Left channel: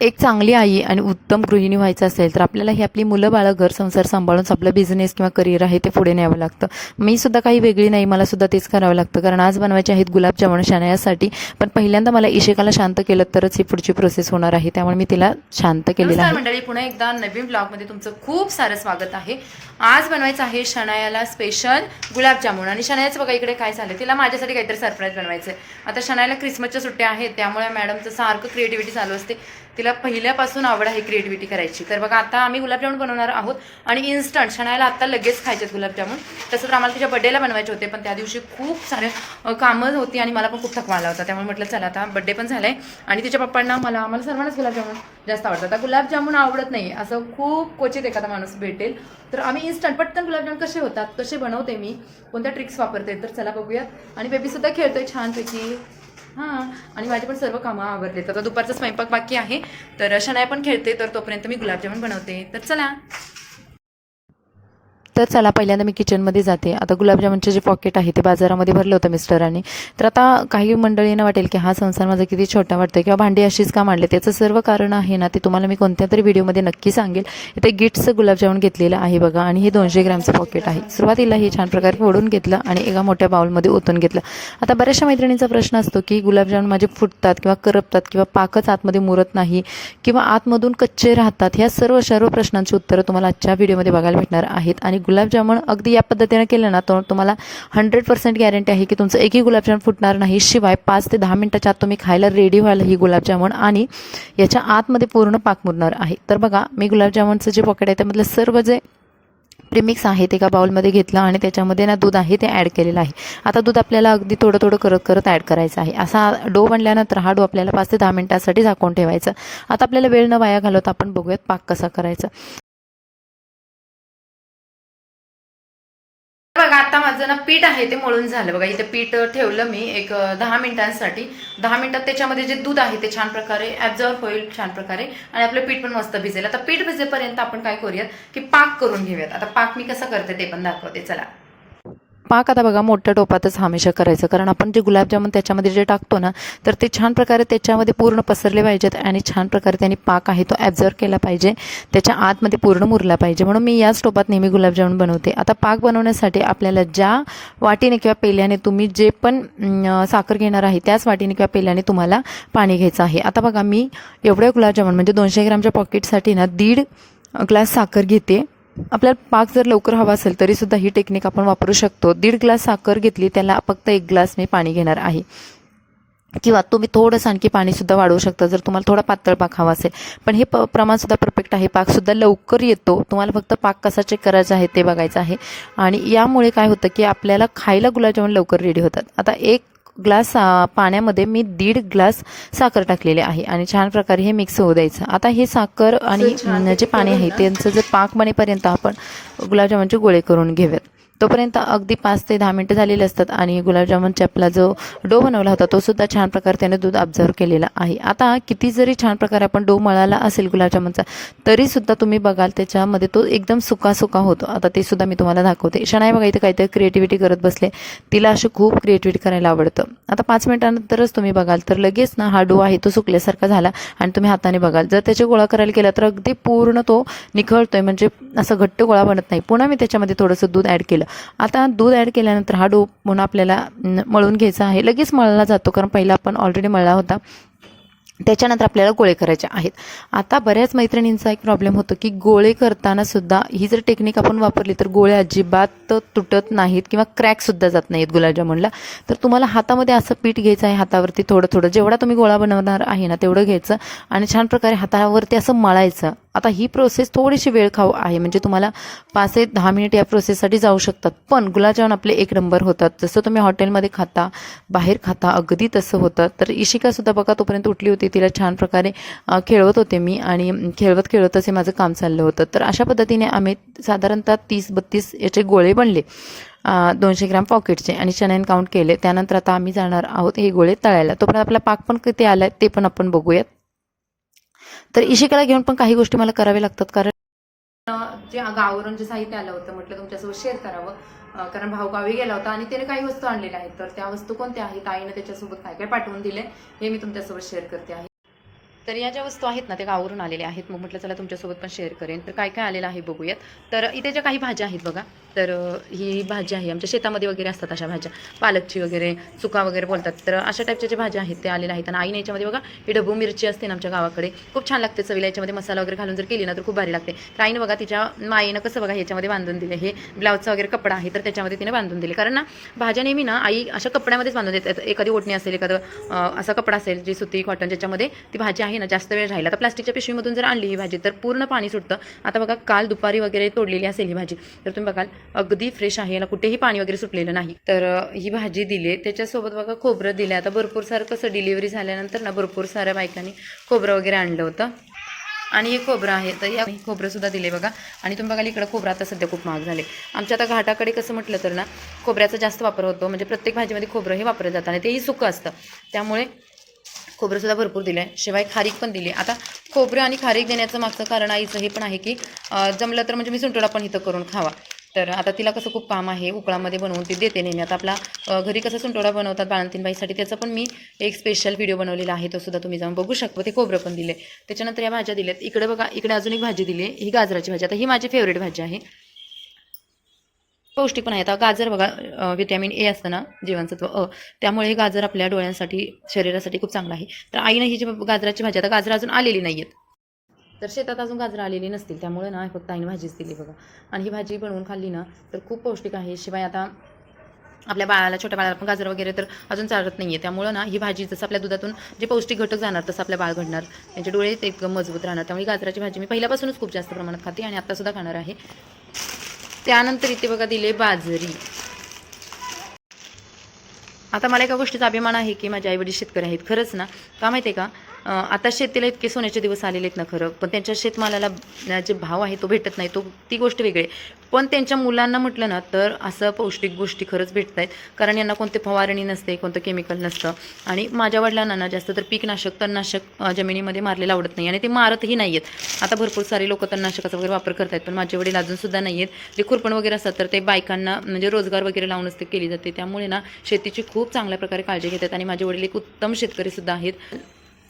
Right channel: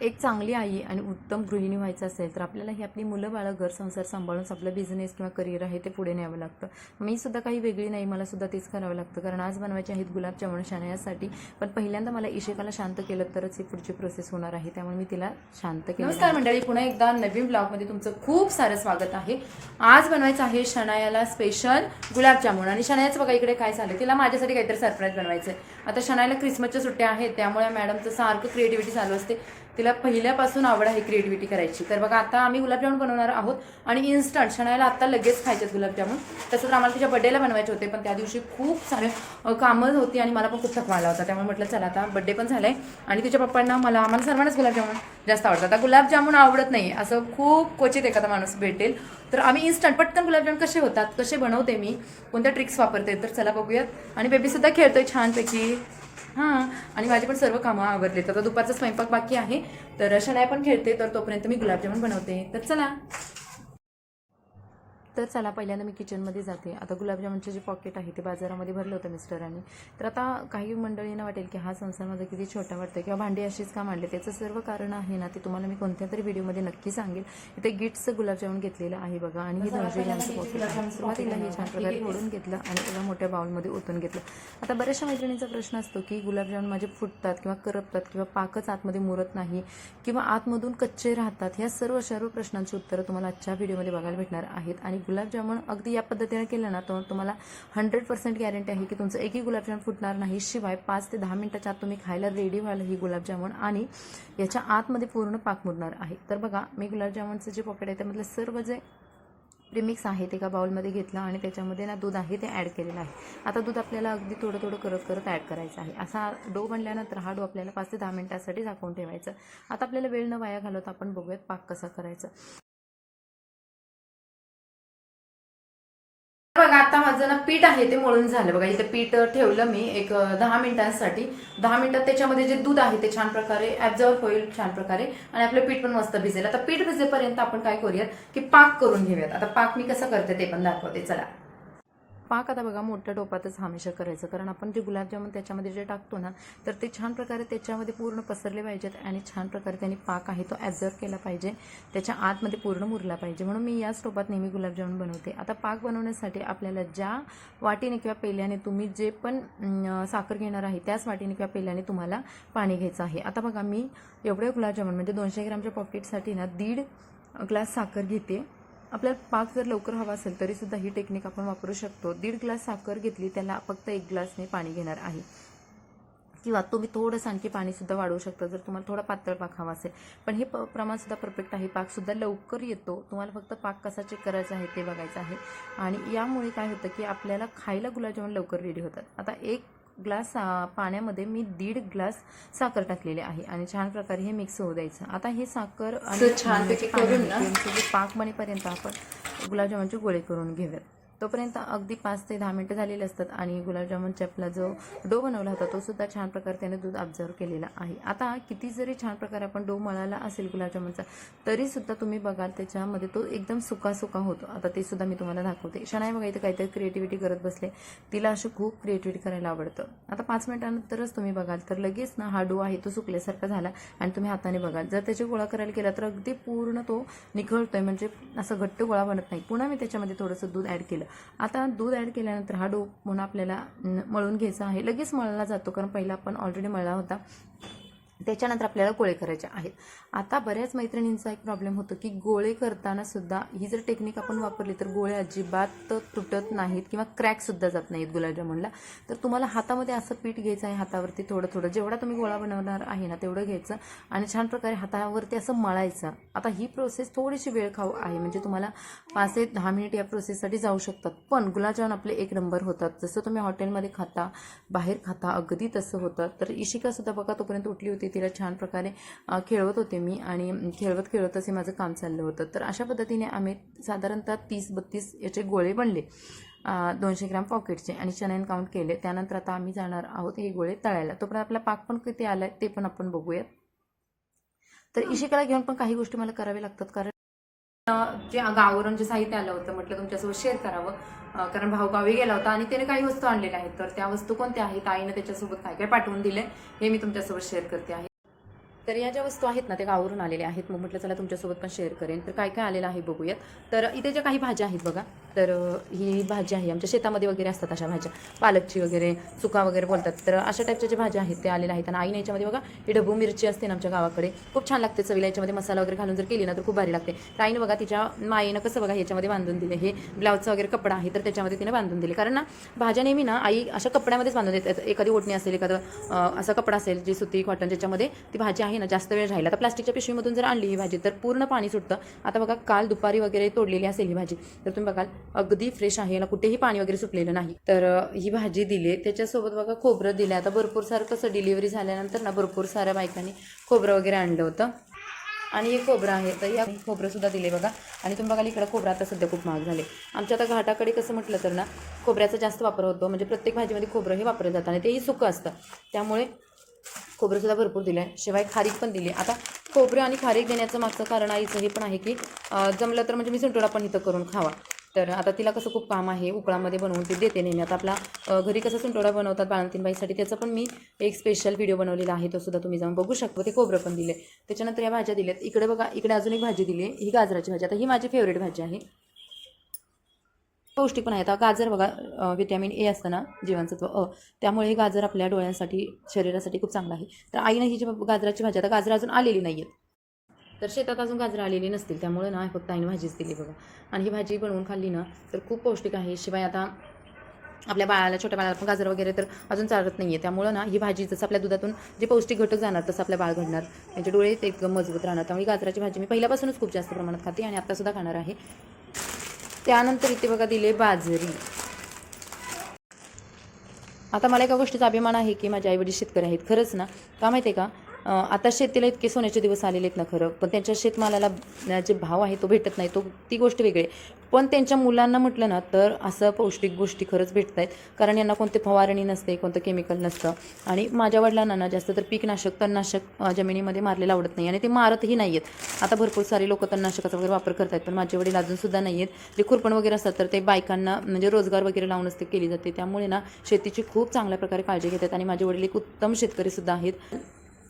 एक चांगली आई आणि उत्तम गृहिणी व्हायचं असेल तर आपल्याला ही आपली मुलं बाळं घर संसार सांभाळून आपलं बिझनेस किंवा करिअर आहे ते पुढे न्यावं लागतं. मी सुद्धा काही वेगळी नाही, मला सुद्धा तेच करावं लागतं. कारण आज बनवायचे आहेत गुलाबजामुन शनायासाठी, पण पहिल्यांदा मला इशिकाला शांत केलं तरच ही पुढची प्रोसेस होणार आहे, त्यामुळे मी तिला शांत केलेलं आहे. नमस्कार मंडळी, पुन्हा एकदा नवीन ब्लॉगमध्ये तुमचं खूप सारं स्वागत आहे. आज बनवायचं आहे शनायाला स्पेशल गुलाबजामुन. आणि शनायाचं बघा इकडे काय झालं, तिला माझ्यासाठी काहीतरी सरप्राईज बनवायचं आहे. आता शनायाला क्रिसमसच्या सुट्ट्या आहेत, त्यामुळे मॅडमचं सारखं क्रिएटिव्हिटी चालू असते. तिला पहिल्यापासून आवड आहे क्रिएटिव्हिटी करायची. तर बघा आता आम्ही गुलाबजामुन बनवणार आहोत आणि इन्स्टंट शनायाला आता लगेच खायचे गुलाबजामुन. तसं तर आम्हाला तिच्या बड्डेला बनवायचे होते, पण त्या दिवशी खूप सारे कामं होती आणि मला पण खूप थकवा आला होता. त्यामुळे म्हटलं चला आता बड्डे पण झालाय आणि तिच्या पप्पांना आम्हाला सर्वांनाच गुलाबजामुन जास्त आवडतात. आता गुलाबजामुन आवडत नाही असं खूप क्वचित एखादा माणूस भेटेल. तर आम्ही इन्स्टंट पटकन गुलाबजामुन कसे होतात, कसे बनवते मी, कोणत्या ट्रिक्स वापरते, तर चला बघूयात. आणि बेबीसुद्धा खेळतोय छानपैकी. हां, आणि माझी पण सर्व कामं आवरले. तर दुपारचा स्वयंपाक बाकी आहे, तर शनाया पण खेळते, तर तोपर्यंत मी गुलाबजामुन बनवते. तर चला. तर चला पहिल्यांदा मी किचनमध्ये जाते. आता गुलाबजामुनचे जे पॉकेट आहे ते बाजारामध्ये भरलं होतं मिस्टरांनी. तर आता काही मंडळींना वाटेल की हा संसार माझा किती छोटा वाटतो किंवा भांडी अशीच का मांडले, त्याचं सर्व कारण आहे ना ते तुम्हाला मी कोणत्या तरी व्हिडिओमध्ये नक्की सांगेल. इथे गिट्सचं गुलाबजामुन घेतलेलं आहे बघा, आणि हे 200 ग्रॅमचं पॉकेट आहे. सुरुवातीला हे छान प्रकारे फोडून घेतलं आणि एका मोठ्या बाउलमध्ये ओतून घेतलं. आता बऱ्याचशा मैत्रिणींचा प्रश्न असतो की गुलाबजामुन माझे फुटतात किंवा करपतात किंवा पाकच आतमध्ये मुरत नाही किंवा आतमधून कच्चे राहतात. ह्या सर्व प्रश्नांची उत्तरं तुम्हाला आजच्या व्हिडिओमध्ये बघायला भेटणार आहेत. आणि गुलाबजामुन अगदी या पद्धतीने केलं ना तर तुम्हाला 100% गॅरंटी आहे की तुमचं एकही गुलाबजामुन फुटणार नाही. शिवाय 5 ते 10 मिनिटाच्या आत तुम्ही खायला रेडी व्हायला ही गुलाबजामुन आणि याच्या आतमध्ये पूर्ण पाक मुरणार आहे. तर बघा मी गुलाबजामुनचं जे पॉकेट आहे त्यामधलं सर्व जे प्रीमिक्स आहे ते एका बाउलमध्ये घेतलं आणि त्याच्यामध्ये ना दूध आहे ते ॲड केलेलं आहे. आता दूध आपल्याला अगदी थोडं करत ॲड करायचं आहे. असा डो बनल्यानंतर हा डो आपल्याला 5 ते 10 मिनिटासाठी झाकून ठेवायचा. आता आपल्याला वेळ न वाया घालवता आपण बघूयात पाक कसा करायचा. बघा आता माझं ना पीठ आहे ते मळून झालं. बघा इथे पीठ ठेवलं मी एक 10 मिनिटांसाठी. 10 मिनिटात त्याच्यामध्ये जे दूध आहे ते छान प्रकारे ॲब्झॉर्ब होईल छान प्रकारे आणि आपलं पीठ पण मस्त भिजेल. आता पीठ भिजेपर्यंत आपण काय करूयात की पाक करून घेऊयात. आता पाक मी कसं करते ते पण दाखवते चला. पाक आता बघा मोठ्या टोपातच हमेशा करायचं, कारण आपण जे गुलाबजामुन त्याच्यामध्ये जे टाकतो ना तर ते छान प्रकारे त्याच्यामध्ये पूर्ण पसरले पाहिजेत आणि छान प्रकारे त्यांनी पाक आहे तो ॲब्झॉर्ब केला पाहिजे, त्याच्या आतमध्ये पूर्ण मुरला पाहिजे. म्हणून मी याच टोपात नेहमी गुलाबजामुन बनवते. आता पाक बनवण्यासाठी आपल्याला ज्या वाटीने किंवा पेल्याने तुम्ही जे पण साखर घेणार आहे त्याच वाटीने किंवा पेल्याने तुम्हाला पाणी घ्यायचं आहे. आता बघा मी एवढ्या गुलाबजामुन म्हणजे 200 ग्रॅमच्या पॉकेटसाठी ना 1.5 ग्लास साखर घेते. आपल्याला पाक जर लवकर हवा असेल तरीसुद्धा ही टेक्निक आपण वापरू शकतो. 1.5 ग्लास साखर घेतली, त्याला फक्त 1 ग्लास मी पाणी घेणार आहे. किंवा तुम्ही थोडंसं आणखी पाणीसुद्धा वाढवू शकता जर तुम्हाला थोडा पातळ पाक हवा असेल. पण हे प्रमाणसुद्धा परफेक्ट आहे. पाकसुद्धा लवकर येतो. तुम्हाला फक्त पाक कसा चेक करायचा आहे ते बघायचं आहे. आणि यामुळे काय होतं की आपल्याला खायला गुलाबजामुन लवकर रेडी होतात. आता 1 ग्लास पाण्यामध्ये मी 1.5 ग्लास साखर टाकलेले आहे आणि छान प्रकारे हे मिक्स होऊ द्यायचं. आता हे साखर आणि जे पाणी आहे त्यांचं जे पाक बनेपर्यंत आपण गुलाबजामुनचे गोळे करून घेऊयात. तोपर्यंत अगदी 5 ते 10 मिनिटं झालेले असतात आणि गुलाबजामुनच्या आपला जो डो बनवला होता तो सुद्धा छान प्रकारे त्याने दूध ऑब्झर्व केलेला आहे. आता किती जरी छान प्रकारे आपण डो मळाला असेल गुलाबजामुनचा तरीसुद्धा तुम्ही बघाल त्याच्यामध्ये तो एकदम सुका होतो. आता ते सुद्धा मी तुम्हाला दाखवते. शनाया बघा इथे काहीतरी क्रिएटिव्हिटी करत बसले. तिला अशी खूप क्रिएटिव्हिटी करायला आवडतं. आता 5 मिनिटांनंतरच तुम्ही बघाल तर लगेच ना हा डो आहे तो सुकल्यासारखा झाला आणि तुम्ही हाताने बघाल जर त्याचे गोळा करायला केला तर अगदी पूर्ण तो निखळतोय, म्हणजे असं घट्ट गोळा बनत नाही. पुन्हा मी त्याच्यामध्ये थोडंसं दूध ॲड केलं. आता दूध ॲड केल्यानंतर हा डो पुन्हा आपल्याला मळून घ्यायचा आहे. लगेच मळला जातो कारण पहिला आपण ऑलरेडी मळला होता. त्याच्यानंतर आपल्याला गोळे करायचे आहेत. आता बऱ्याच मैत्रिणींचा एक प्रॉब्लेम होतो की गोळे करताना सुद्धा ही जर टेक्निक आपण वापरली तर गोळे अजिबात तुटत नाहीत किंवा क्रॅकसुद्धा जात नाहीत गुलाबजामुनला. तर तुम्हाला हातामध्ये असं पीठ घ्यायचं आहे, हातावरती थोडं जेवढा तुम्ही गोळा बनवणार आहे ना तेवढं घ्यायचं आणि छान प्रकारे हातावरती असं मळायचं. आता ही प्रोसेस थोडीशी वेळ खाऊ आहे, म्हणजे तुम्हाला 5 ते 10 मिनिट या प्रोसेससाठी जाऊ शकतात. पण गुलाबजामुन आपले 1 नंबर होतात. जसं तुम्ही हॉटेलमध्ये खाता, बाहेर खाता अगदी तसं होतं. तर इशिकासुद्धा बघा तोपर्यंत उठली होती. तिला छान प्रकारे खेळवत होते मी आणि खेळवतच हे माझं काम चाललं होतं. तर अशा पद्धतीने आम्ही साधारणतः 30-32 याचे गोळे बनले 200 ग्रॅम पॉकेटचे आणि चण्याने काउंट केले. त्यानंतर आता आम्ही जाणार आहोत हे गोळे तळायला. तोपर्यंत आपला पाक पण किती आला ते पण आपण बघूयात. तर इशिकाला घेऊन पण काही गोष्टी मला कराव्या लागतात, कारण जे गावावरून जे साहित्य आलं होतं म्हटलं तुमच्यासोबत शेअर करावं. कारण भाऊ गावी गेला होता आणि त्याने काही वस्तू आणलेल्या आहेत. तर त्या वस्तू कोणत्या आहेत, आईनं त्याच्यासोबत काय काय पाठवून दिले हे मी तुमच्यासोबत शेअर करते आहे. तर या ज्या वस्तू आहेत ना त्या गावावरून आलेल्या आहेत. मग म्हटलं चला तुमच्यासोबत पण शेअर करेन. तर काय काय आलेलं आहे बघूयात. तर इथे ज्या काही भाज्या आहेत बघा, तर ही भाजी आहे आमच्या शेतामध्ये वगैरे असतात अशा भाज्या, पालकची वगैरे, चुका वगैरे बोलतात. तर अशा टाईपच्या ज्या भाज्या आहेत त्या आलेल्या आहेत. आणि आईने याच्यामध्ये बघा ही ढबू मिरची असते ना आमच्या गावाकडे, खूप छान लागते चवीला. याच्यामध्ये मसाला वगैरे घालून जर केली ना तर खूप भारी लागते. तर आईने बघा तिच्या माईनं कसं बघा ह्याच्यामध्ये बांधून दिले, हे ब्लाऊजचा वगैरे कपडा आहे तर त्याच्यामध्ये तिने बांधून दिले. कारण ना भाज्या नेहमी ना आई अशा कपड्यामध्येच बांधून देतात. एखादी ओढणी असेल, एखादं असा कपडा असेल जी सुती कॉटन, ज्याच्यामध्ये ती भाजी आहे ना जास्त वेळ राहिला. तर प्लास्टिकच्या पिशवीमधून जर आणली ही भाजी तर पूर्ण पाणी सुटतं. आता बघा काल दुपारी वगैरे तोडलेली असेल ही भाजी, तर तुम्ही बघाल अगदी फ्रेश आहे, याला कुठेही पाणी वगैरे सुटलेलं नाही. तर ही भाजी दिली. त्याच्यासोबत बघा खोबरं दिलं. आता भरपूर सारं कसं डिलिव्हरी झाल्यानंतर ना भरपूर साऱ्या बायकांनी खोबरं वगैरे आणलं होतं. आणि हे खोबरं आहे तर या खोबरं सुद्धा दिले बघा. आणि तुम्ही बघाल इकडं खोबरं आता सध्या खूप महाग झाले. आमच्या आता घाटाकडे कसं म्हटलं तर ना खोबऱ्याचा जास्त वापर होतो. म्हणजे प्रत्येक भाजीमध्ये खोबरं हे वापरलं जातं आणि तेही सुकं असतं, त्यामुळे खोबरंसुद्धा भरपूर दिलं आहे. शिवाय खारीक पण दिली. आता खोबरं आणि खारीक देण्याचं मागचं कारण आईचं हे पण आहे की जमलं तर म्हणजे मी सुंटोडा पण इथं करून खावा. तर आता तिला कसं खूप काम आहे, उकळामध्ये बनवून ती देते नेहमी. आता आपला घरी कसं सुंटोडा बनवतात बाळंतीणबाईसाठी, त्याचा पण मी एक स्पेशल व्हिडिओ बनवलेला आहे, तो सुद्धा तुम्ही जाऊन बघू शकता. ते खोबरं पण दिले. त्याच्यानंतर या भाज्या दिल्यात. इकडे बघा, इकडे अजून एक भाजी दिली, ही गाजराची भाजी. आता ही माझी फेवरेट भाजी आहे, पौष्टिक पण आहे. आता गाजर बघा व्हिटॅमिन ए असतं ना, जीवनसत्व अ, त्यामुळे हे गाजर आपल्या डोळ्यांसाठी, शरीरासाठी खूप चांगलं आहे. तर आईनं ही जी गाजराची भाजी, आता गाजर अजून आलेली नाही आहेत, तर शेतात अजून गाजरं आलेली नसतील, त्यामुळे ना फक्त आईने भाजीच दिली बघा. आणि ही भाजी बनवून खाल्ली ना तर खूप पौष्टिक आहे. शिवाय आता आपल्या बाळाला, छोट्या बाळाला पण गाजर वगैरे तर अजून चालत नाही आहे, त्यामुळं ना ही भाजी जसं आपल्या दुधातून जे पौष्टिक घटक जाणार तसं आपल्या बाळ घडणार, त्यांचे डोळे ते एकदम मजबूत राहणार. त्यामुळे गाजराची भाजी मी पहिल्यापासूनच खूप जास्त प्रमाणात खाते आणि आत्तासुद्धा खाणार आहे. त्यानंतर इथे बघा दिले बाजरी. आता मला एका गोष्टीचा अभिमान आहे की माझे आईवडील शेतकरी आहेत. खरंच ना, का माहिती आहे का, आता शेतीला इतके सोन्याचे दिवस आलेले आहेत ना खरं, पण त्यांच्या शेतमालाला जे भाव आहे तो भेटत नाही, ती गोष्ट वेगळी आहे. पण त्यांच्या मुलांना म्हटलं ना तर असं पौष्टिक गोष्टी खरंच भेटत आहेत. कारण यांना कोणते फवारणी नसते, कोणतं केमिकल नसतं. आणि माझ्या वडिलांना ना जास्त तर पीकनाशक, तणनाशक जमिनीमध्ये मारलेलं आवडत नाही आणि ते मारतही नाही आहेत. आता भरपूर सारे लोक तणनाशकाचा वगैरे वापर करत आहेत, पण माझे वडील अजूनसुद्धा नाही आहेत. जे खुरपण वगैरे असतात तर ते बायकांना म्हणजे रोजगार वगैरे लावूनच ते केली जाते. त्यामुळे ना शेतीची खूप चांगल्या प्रकारे काळजी घेतात आणि माझे वडील एक उत्तम शेतकरीसुद्धा आहेत.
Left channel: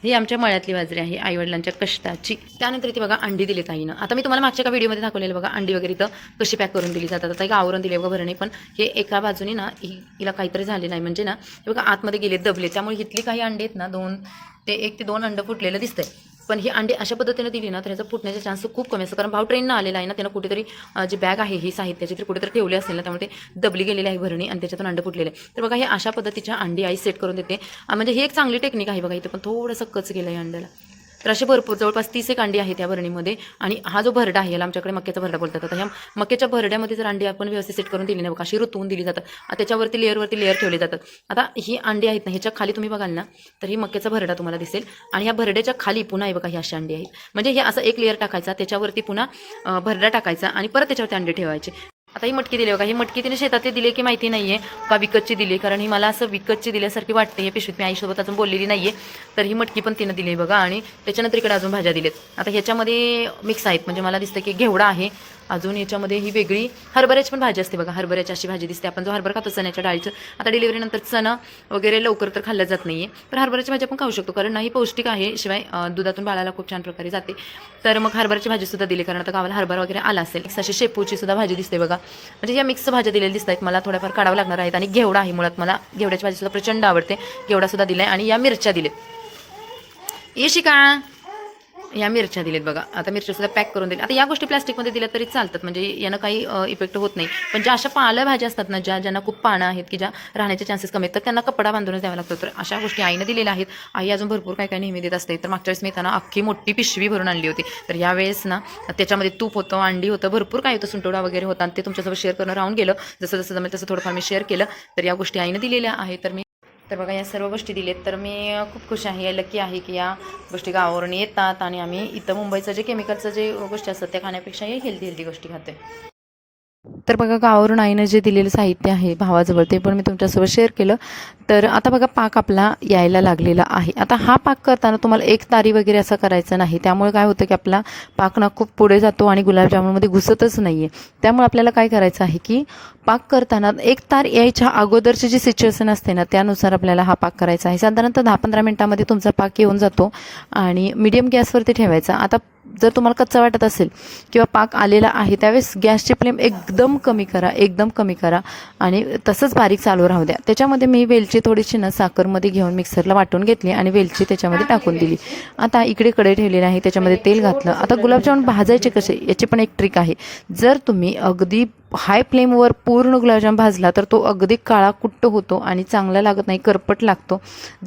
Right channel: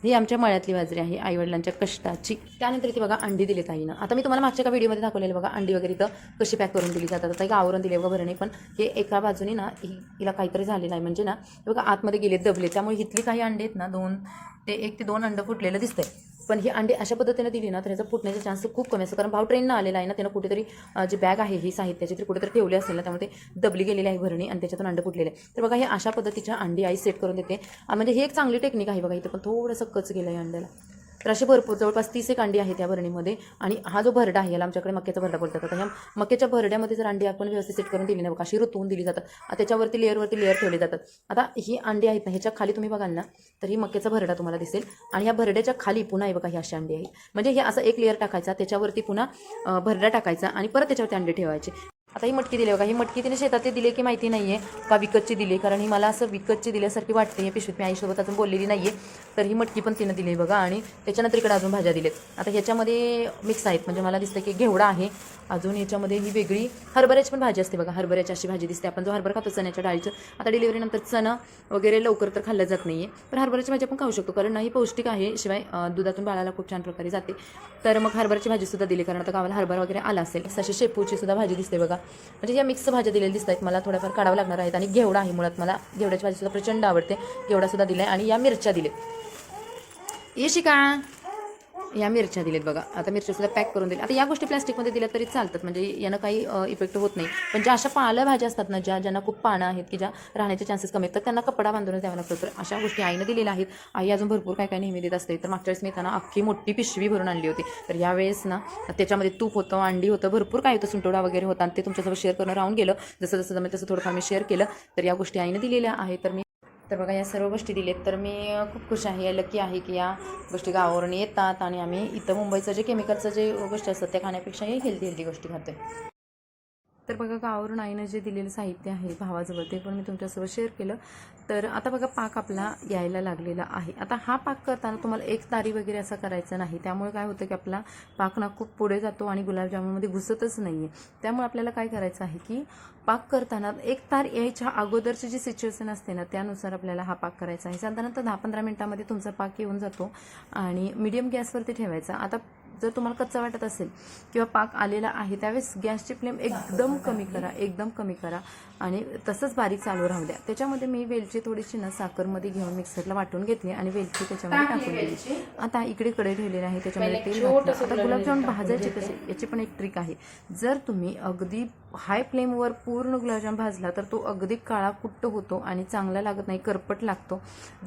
ही आमच्या मळ्यातली बाजरी आहे, आईवडिलांच्या कष्टाची. त्यानंतर इथे बघा अंडी दिलीत आईनं. आता मी तुम्हाला मागच्या का व्हिडिओमध्ये दाखवलेलं बघा, अंडी वगैरे इथं कशी पॅक करून दिली जातात. आता एक आवरण दिले बघा भरणे, पण हे एका बाजूने ना हिला काहीतरी झालेलं आहे, म्हणजे ना हे बघा आतमध्ये गेले दबले, त्यामुळे इथली काही अंडी आहेत ना 1 ते 2 अंडं फुटलेलं दिसतंय. पण ही अंडी अशा पद्धतीने दिली ना तर ह्याचा फुटण्याचा चान्स खूप कमी असतो. कारण भाऊ ट्रेननं आलेला आहे ना, त्यानं कुठेतरी जी बॅग आहे ही साहित्याची तर कुठेतरी ठेवली असेल ना, त्यामुळे ते दबली गेलेली आहे भरणी आणि त्याच्यातून अंडं फुटलेले. तर बघा हे अशा पद्धतीच्या अंडी आई सेट करून देते. म्हणजे ही एक चांगली टेक्निक आहे बघा. इथं पण थोडंसं कच गेलं आहे अंड्याला. तर असे भरपूर जवळपास 30 एक अंडी आहेत या भरणीमध्ये. आणि हा जो भरडा आहे याला आमच्याकडे मक्याचा भरडा बोलतात. आता ह्या मक्याच्या भरड्यामध्ये जर अंडी आपण व्यवस्थित सेट करून दिली ना बघा, अशी रुतवून दिली जातात. त्याच्यावरती लेअर ठेवले जातात. आता ही अंडी आहेत ना, ह्याच्या खाली तुम्ही बघाल ना तर ही मक्याचा भरडा तुम्हाला दिसेल आणि ह्या भरड्याच्या खाली पुन्हा हे बघा ही अशी अंडी आहेत. म्हणजे हे असं एक लेअर टाकायचा, त्याच्यावरती पुन्हा भरडा टाकायचा आणि परत त्याच्यावरती अंडे ठेवायचे. आता ही मटकी दिली बघा, ही मटकी तिने शेतातली दिली की माहिती नाही आहे का विकतची दिली, कारण ही मला असं विकतची दिल्यासारखी वाटते. हे पिशवीत मी आईसोबत अजून बोललेली नाही आहे. तर ही मटकी पण तिनं दिली बघा. आणि त्याच्यानंतर इकडे अजून भाज्या दिलेत. आता ह्याच्यामध्ये मिक्स आहेत, म्हणजे मला दिसतं की घेवडा आहे, अजून याच्यामध्ये ही वेगळी हरभऱ्याची पण भाजी असते बघा, हरभऱ्याची अशी भाजी दिसते. आपण जो हरभरा खातो चण्याच्या डाळीचं, आता डिलिव्हरीनंतर चणा वगैरे लवकर तर खाल्लं जात नाही आहे, तर हरभऱ्याची भाजी आपण खाऊ शकतो, कारण नाही पौष्टिक आहे. शिवाय दुधातून बाळाला खूप छान प्रकारे जाते. तर मग हरभऱ्याची भाजीसुद्धा दिली, कारण आता गावाला हरभरा वगैरे आला असेल. अशी शेपूची सुद्धा भाजी दिसते बघा. म्हणजे या मिक्स भाज्या दिलेल्या दिसत आहेत, मला थोड्याफार काढावं लागणार आहेत. आणि घेवडा आहे, मुळात मला घेवड्याची भाजीसुद्धा प्रचंड आवडते. घेवडासुद्धा दिला आहे. आणि या मिरच्या दिलेत. येशी का या मिरच्या दिलेत बघा. आता मिरच्यासुद्धा पॅक करून दिल्या. आता या गोष्टी प्लास्टिकमध्ये दिल्या तरी चालतात, म्हणजे यानं काही इफेक्ट होत नाही. पण ज्या अशा पाल्या भाज्या असतात ना, ज्यांना खूप पानं आहेत की ज्या राहण्याचे चान्सेस कमी आहेत, तर त्यांना कपडा बांधूनच द्यावा लागतो. तर अशा गोष्टी आईनं दिलेल्या आहेत. आई अजून भरपूर काय काय नेहमी देत असते. तर मागच्या वेळेस मी त्यांना अख्खी मोठी पिशवी भरून आणली होती. तर यावेळेस ना त्याच्यामध्ये तूप होतं, अंडी होतं, भरपूर काय होतं, सुंटोडा वगैरे होता. आणि ते तुमच्यासोबत शेअर करणं राहून गेलं. जसं जसं जमेल तसं थोडंफार मी शेअर केलं. तर या गोष्टी आईनं दिलेल्या आहे. तर बघा या सर्व गोष्टी दिलेत. तर मी खूप खुश आहे, लकी आहे की या गोष्टी गावावरून येतात आणि आम्ही इथं मुंबईचं जे केमिकलचं जे गोष्टी असतात त्या खाण्यापेक्षा हे हेल्दी गोष्टी खातोय. तर बघा गावावरून आईनं जे दिलेलं साहित्य आहे भावाजवळ ते पण मी तुमच्यासोबत शेअर केलं. तर आता बघा पाक आपला यायला लागलेला आहे. आता हा पाक करताना तुम्हाला एक तारी वगैरे असं करायचं नाही, त्यामुळे काय होतं की आपला पाक ना खूप पुढे जातो आणि गुलाबजामुनमध्ये घुसतच नाही आहे. त्यामुळे आपल्याला काय करायचं आहे की पाक करताना एक तार यायच्या अगोदरची जी सिच्युएशन असते ना त्यानुसार आपल्याला हा पाक करायचा आहे. साधारणतः 10-15 मिनिटामध्ये तुमचा पाक येऊन जातो आणि मीडियम गॅसवरती ठेवायचा. आता जर तुम्हाला कच्चा वाटत असेल किंवा पाक आलेला आहे त्यावेळेस गॅसची फ्लेम एकदम कमी करा आणि तसंच बारीक चालू राहू द्या. त्याच्यामध्ये मी वेलची थोडीशी ना साखरमध्ये घेऊन मिक्सरला वाटून घेतली आणि वेलची त्याच्यामध्ये टाकून दिली. आता इकडे कढई ठेवलेली आहे, त्याच्यामध्ये तेल घातलं. आता गुलाबजामुन भाजायचे कसे याची पण एक ट्रिक आहे. जर तुम्ही अगदी हाय फ्लेमवर पूर्ण गुलाबजाम भाजला तर तो अगदी काळा कुट्ट होतो आणि चांगला लागत नाही, करपट लागतो.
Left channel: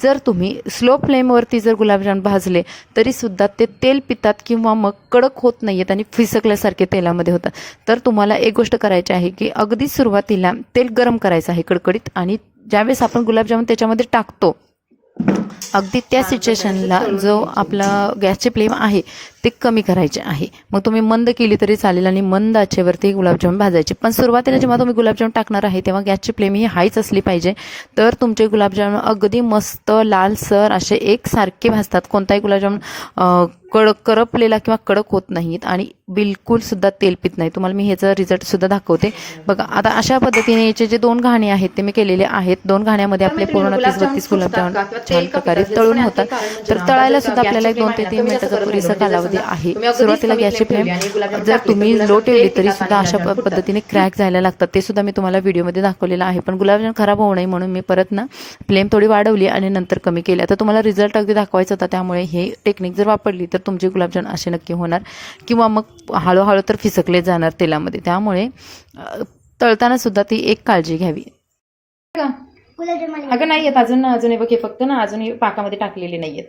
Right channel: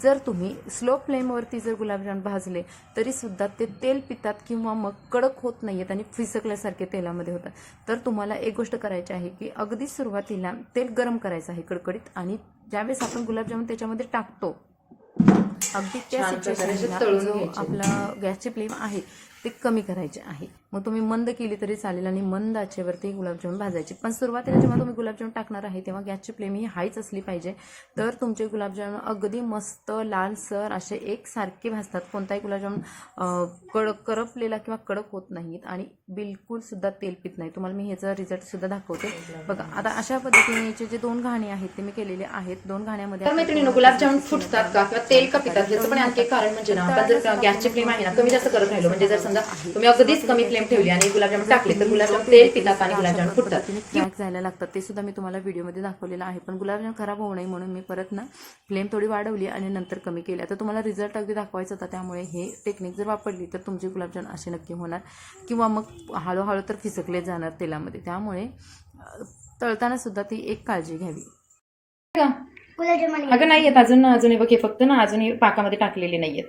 जर तुम्ही स्लो फ्लेमवरती जर गुलाबजाम भाजले तरीसुद्धा ते तेल पितात किंवा मग कडक होत नाही आहेत आणि फिसकल्यासारखे तेलामध्ये होतात. तर तुम्हाला एक गोष्ट करायची आहे की अगदी सुरुवातीला तेल गरम करायचं आहे कडकडीत, आणि ज्यावेळेस आपण गुलाबजामुन त्याच्यामध्ये टाकतो अगदी त्या सिच्युएशनला जो आपला गॅसची फ्लेम आहे ते कमी करायचे आहे. मग तुम्ही मंद केली तरी चालेल आणि मंद आचेवरती गुलाबजामुन भाजायचे. पण सुरुवातीला जेव्हा तुम्ही गुलाबजामुन टाकणार आहे तेव्हा गॅसची फ्लेम ही हायच असली पाहिजे, तर तुमचे गुलाबजामुन अगदी मस्त लालसर असे एकसारखे भाजतात. कोणताही गुलाबजामुन करपलेला किंवा कडक होत नाहीत आणि बिलकुल सुद्धा तेल पित नाही. तुम्हाला मी ह्याचा रिझल्ट सुद्धा दाखवते. बघा आता अशा पद्धतीने याचे जे 2 घाणे आहेत ते मी केलेले आहेत. 2 घाण्यामध्ये आपले पूर्ण गुलाबजामुन तळून होतात. तर तळायला सुद्धा आपल्याला 2 ते 3 मिनिटाचा कालावधी आहे. सुरुवातीला गॅसची फ्लेम जर तुम्ही लो ठेवली तरी सुद्धा अशा पद्धतीने क्रॅक जायला लागतात. ते सुद्धा मी तुम्हाला व्हिडिओमध्ये दाखवलेलं आहे. पण गुलाबजामुन खराब होऊ नये म्हणून मी परत ना फ्लेम थोडी वाढवली आणि नंतर कमी केली. आता तुम्हाला रिझल्ट अगदी दाखवायचा होता, त्यामुळे हे टेक्निक जर वापरली तर तुमचे गुलाबजामुन असे नक्की होणार किंवा मग हळूहळू तर फिसकले जाणार तेलामध्ये. त्यामुळे तळताना सुद्धा ती एक काळजी घ्यावी. अगं नाही येत अजून हे बघ, हे फक्त ना अजून हे पाकामध्ये टाकलेले नाहीयेत.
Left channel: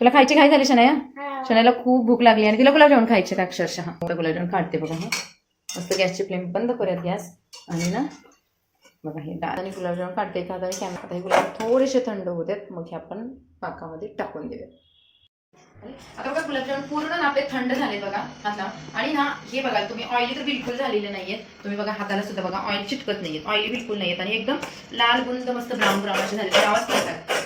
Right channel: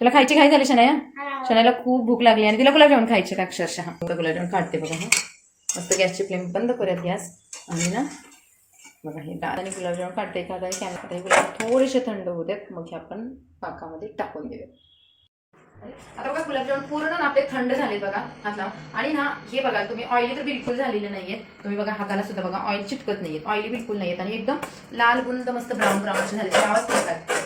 तुला खायची काय झाली शनाया? शनायाला खूप भूक लागली आणि तिला गुलाबजामुन खायचे अक्षरशः. गुलाबजामुन काढते बघा. मस्त गॅसची फ्लेम बंद करूयात गॅस आणि ना बघा हे डाळ आणि गुलाबजामुन काढते. का हे गुलाबजामुन थोडेसे थंड होतात, मग हे आपण पाकामध्ये टाकून देऊयात. आता बघा गुलाबजामुन पूर्ण ना आपले थंड झाले बघा हाताला. आणि ना हे बघा तुम्ही ऑइली तर बिलकुल झालेले नाहीये. तुम्ही बघा हाताला सुद्धा बघा ऑइल चिटकत नाहीये, ऑइली बिलकुल नाहीयेत आणि एकदम लाल गुंद मस्त ब्राऊन असे झाले. आवाज करतात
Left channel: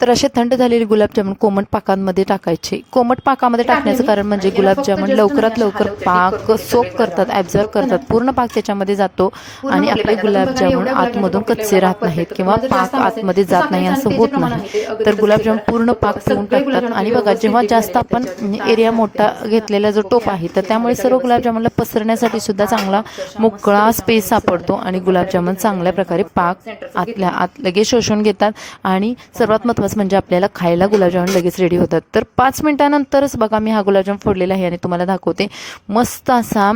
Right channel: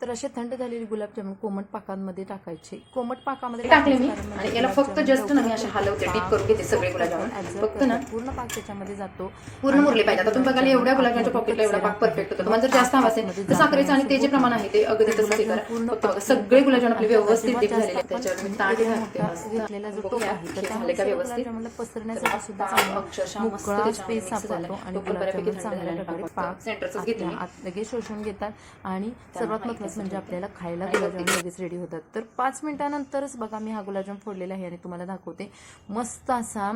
तर असे थंड झालेले गुलाबजामुन कोमट पाकांमध्ये टाकायचे. कोमट पाकामध्ये टाकण्याचं कारण म्हणजे गुलाबजामुन लवकरात लवकर पाक सोक करतात, ॲब्झॉर्ब करतात. पूर्ण पाक त्याच्यामध्ये जातो आणि आपले गुलाबजामुन आतमधून कच्चे राहत नाहीत किंवा पाक आतमध्ये जात नाही असं होत नाही. तर गुलाबजामुन पूर्ण पाक टाकतात. आणि बघा जेव्हा जास्त आपण एरिया मोठा घेतलेला जो टोप आहे तर त्यामुळे सर्व गुलाबजामुनला पसरण्यासाठी सुद्धा चांगला मोकळा स्पेस सापडतो आणि गुलाबजामुन चांगल्या प्रकारे पाक आतल्या आत लगेच शोषून घेतात आणि सर्वात महत्त्वाचं म्हणजे आपल्याला खायला गुलाबजामुन लगेच रेडी होतात. तर 5 मिनिटानंतरच बघा मी हा गुलाबजामुन फोडलेला आहे आणि तुम्हाला दाखवते. मस्त असा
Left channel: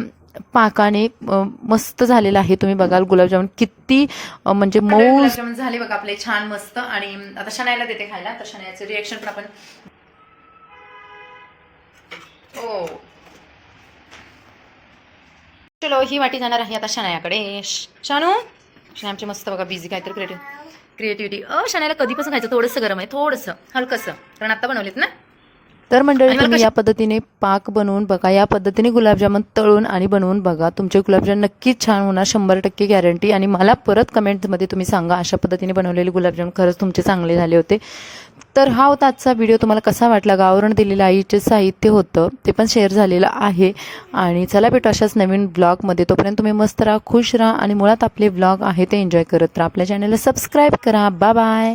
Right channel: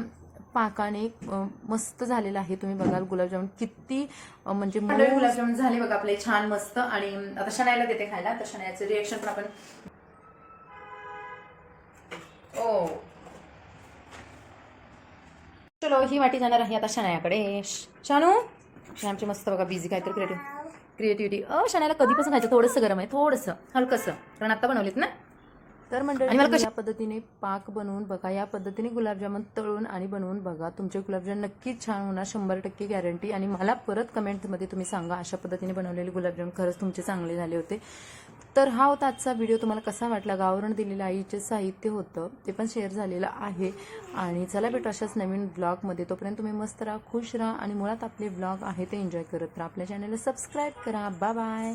पाकाने मस्त झालेला आहे. तुम्ही बघाल गुलाबजामुन किती म्हणजे मऊ गुलाबजामुन झाले बघा आपले छान मस्त. आणि आता शनायाला देते खायला, तर शनायाचं रिएक्शन पण आपण चलो ही वाटी जाणार आहे आता शनायाकडे. शानू शनायाची मस्त बघा बिझी काहीतरी क्रिएटिव्हिटी. शनायाला कधीपासून खायचं? थोडंसं गरम आहे, थोडंसं हलकंसं, कारण आता बनवलेत ना. तर मंडळी तुम्ही या पद्धतीने पाक बनवून बघा, या पद्धतीने गुलाबजामुन तळून आणि बनवून बघा. तुमचे गुलाबजामुन नक्कीच छान होणार, 100% गॅरंटी. आणि मला परत कमेंटमध्ये तुम्ही सांगा अशा पद्धतीने बनवलेले गुलाबजामुन खरंच तुमचे चांगले झाले होते. तर हा होता आजचा व्हिडिओ. तुम्हाला कसा वाटला? गावावरून दिलेलं आईचे साहित्य होतं ते पण शेअर झालेलं आहे. आणि चला भेटू अशाच नवीन ब्लॉगमध्ये. तोपर्यंत तुम्ही मस्त राहा, खुश राहा आणि मुळात आपले ब्लॉग आहे ते एन्जॉय करत राहा. आपल्या चॅनलला सबस्क्राईब करा. Bye bye.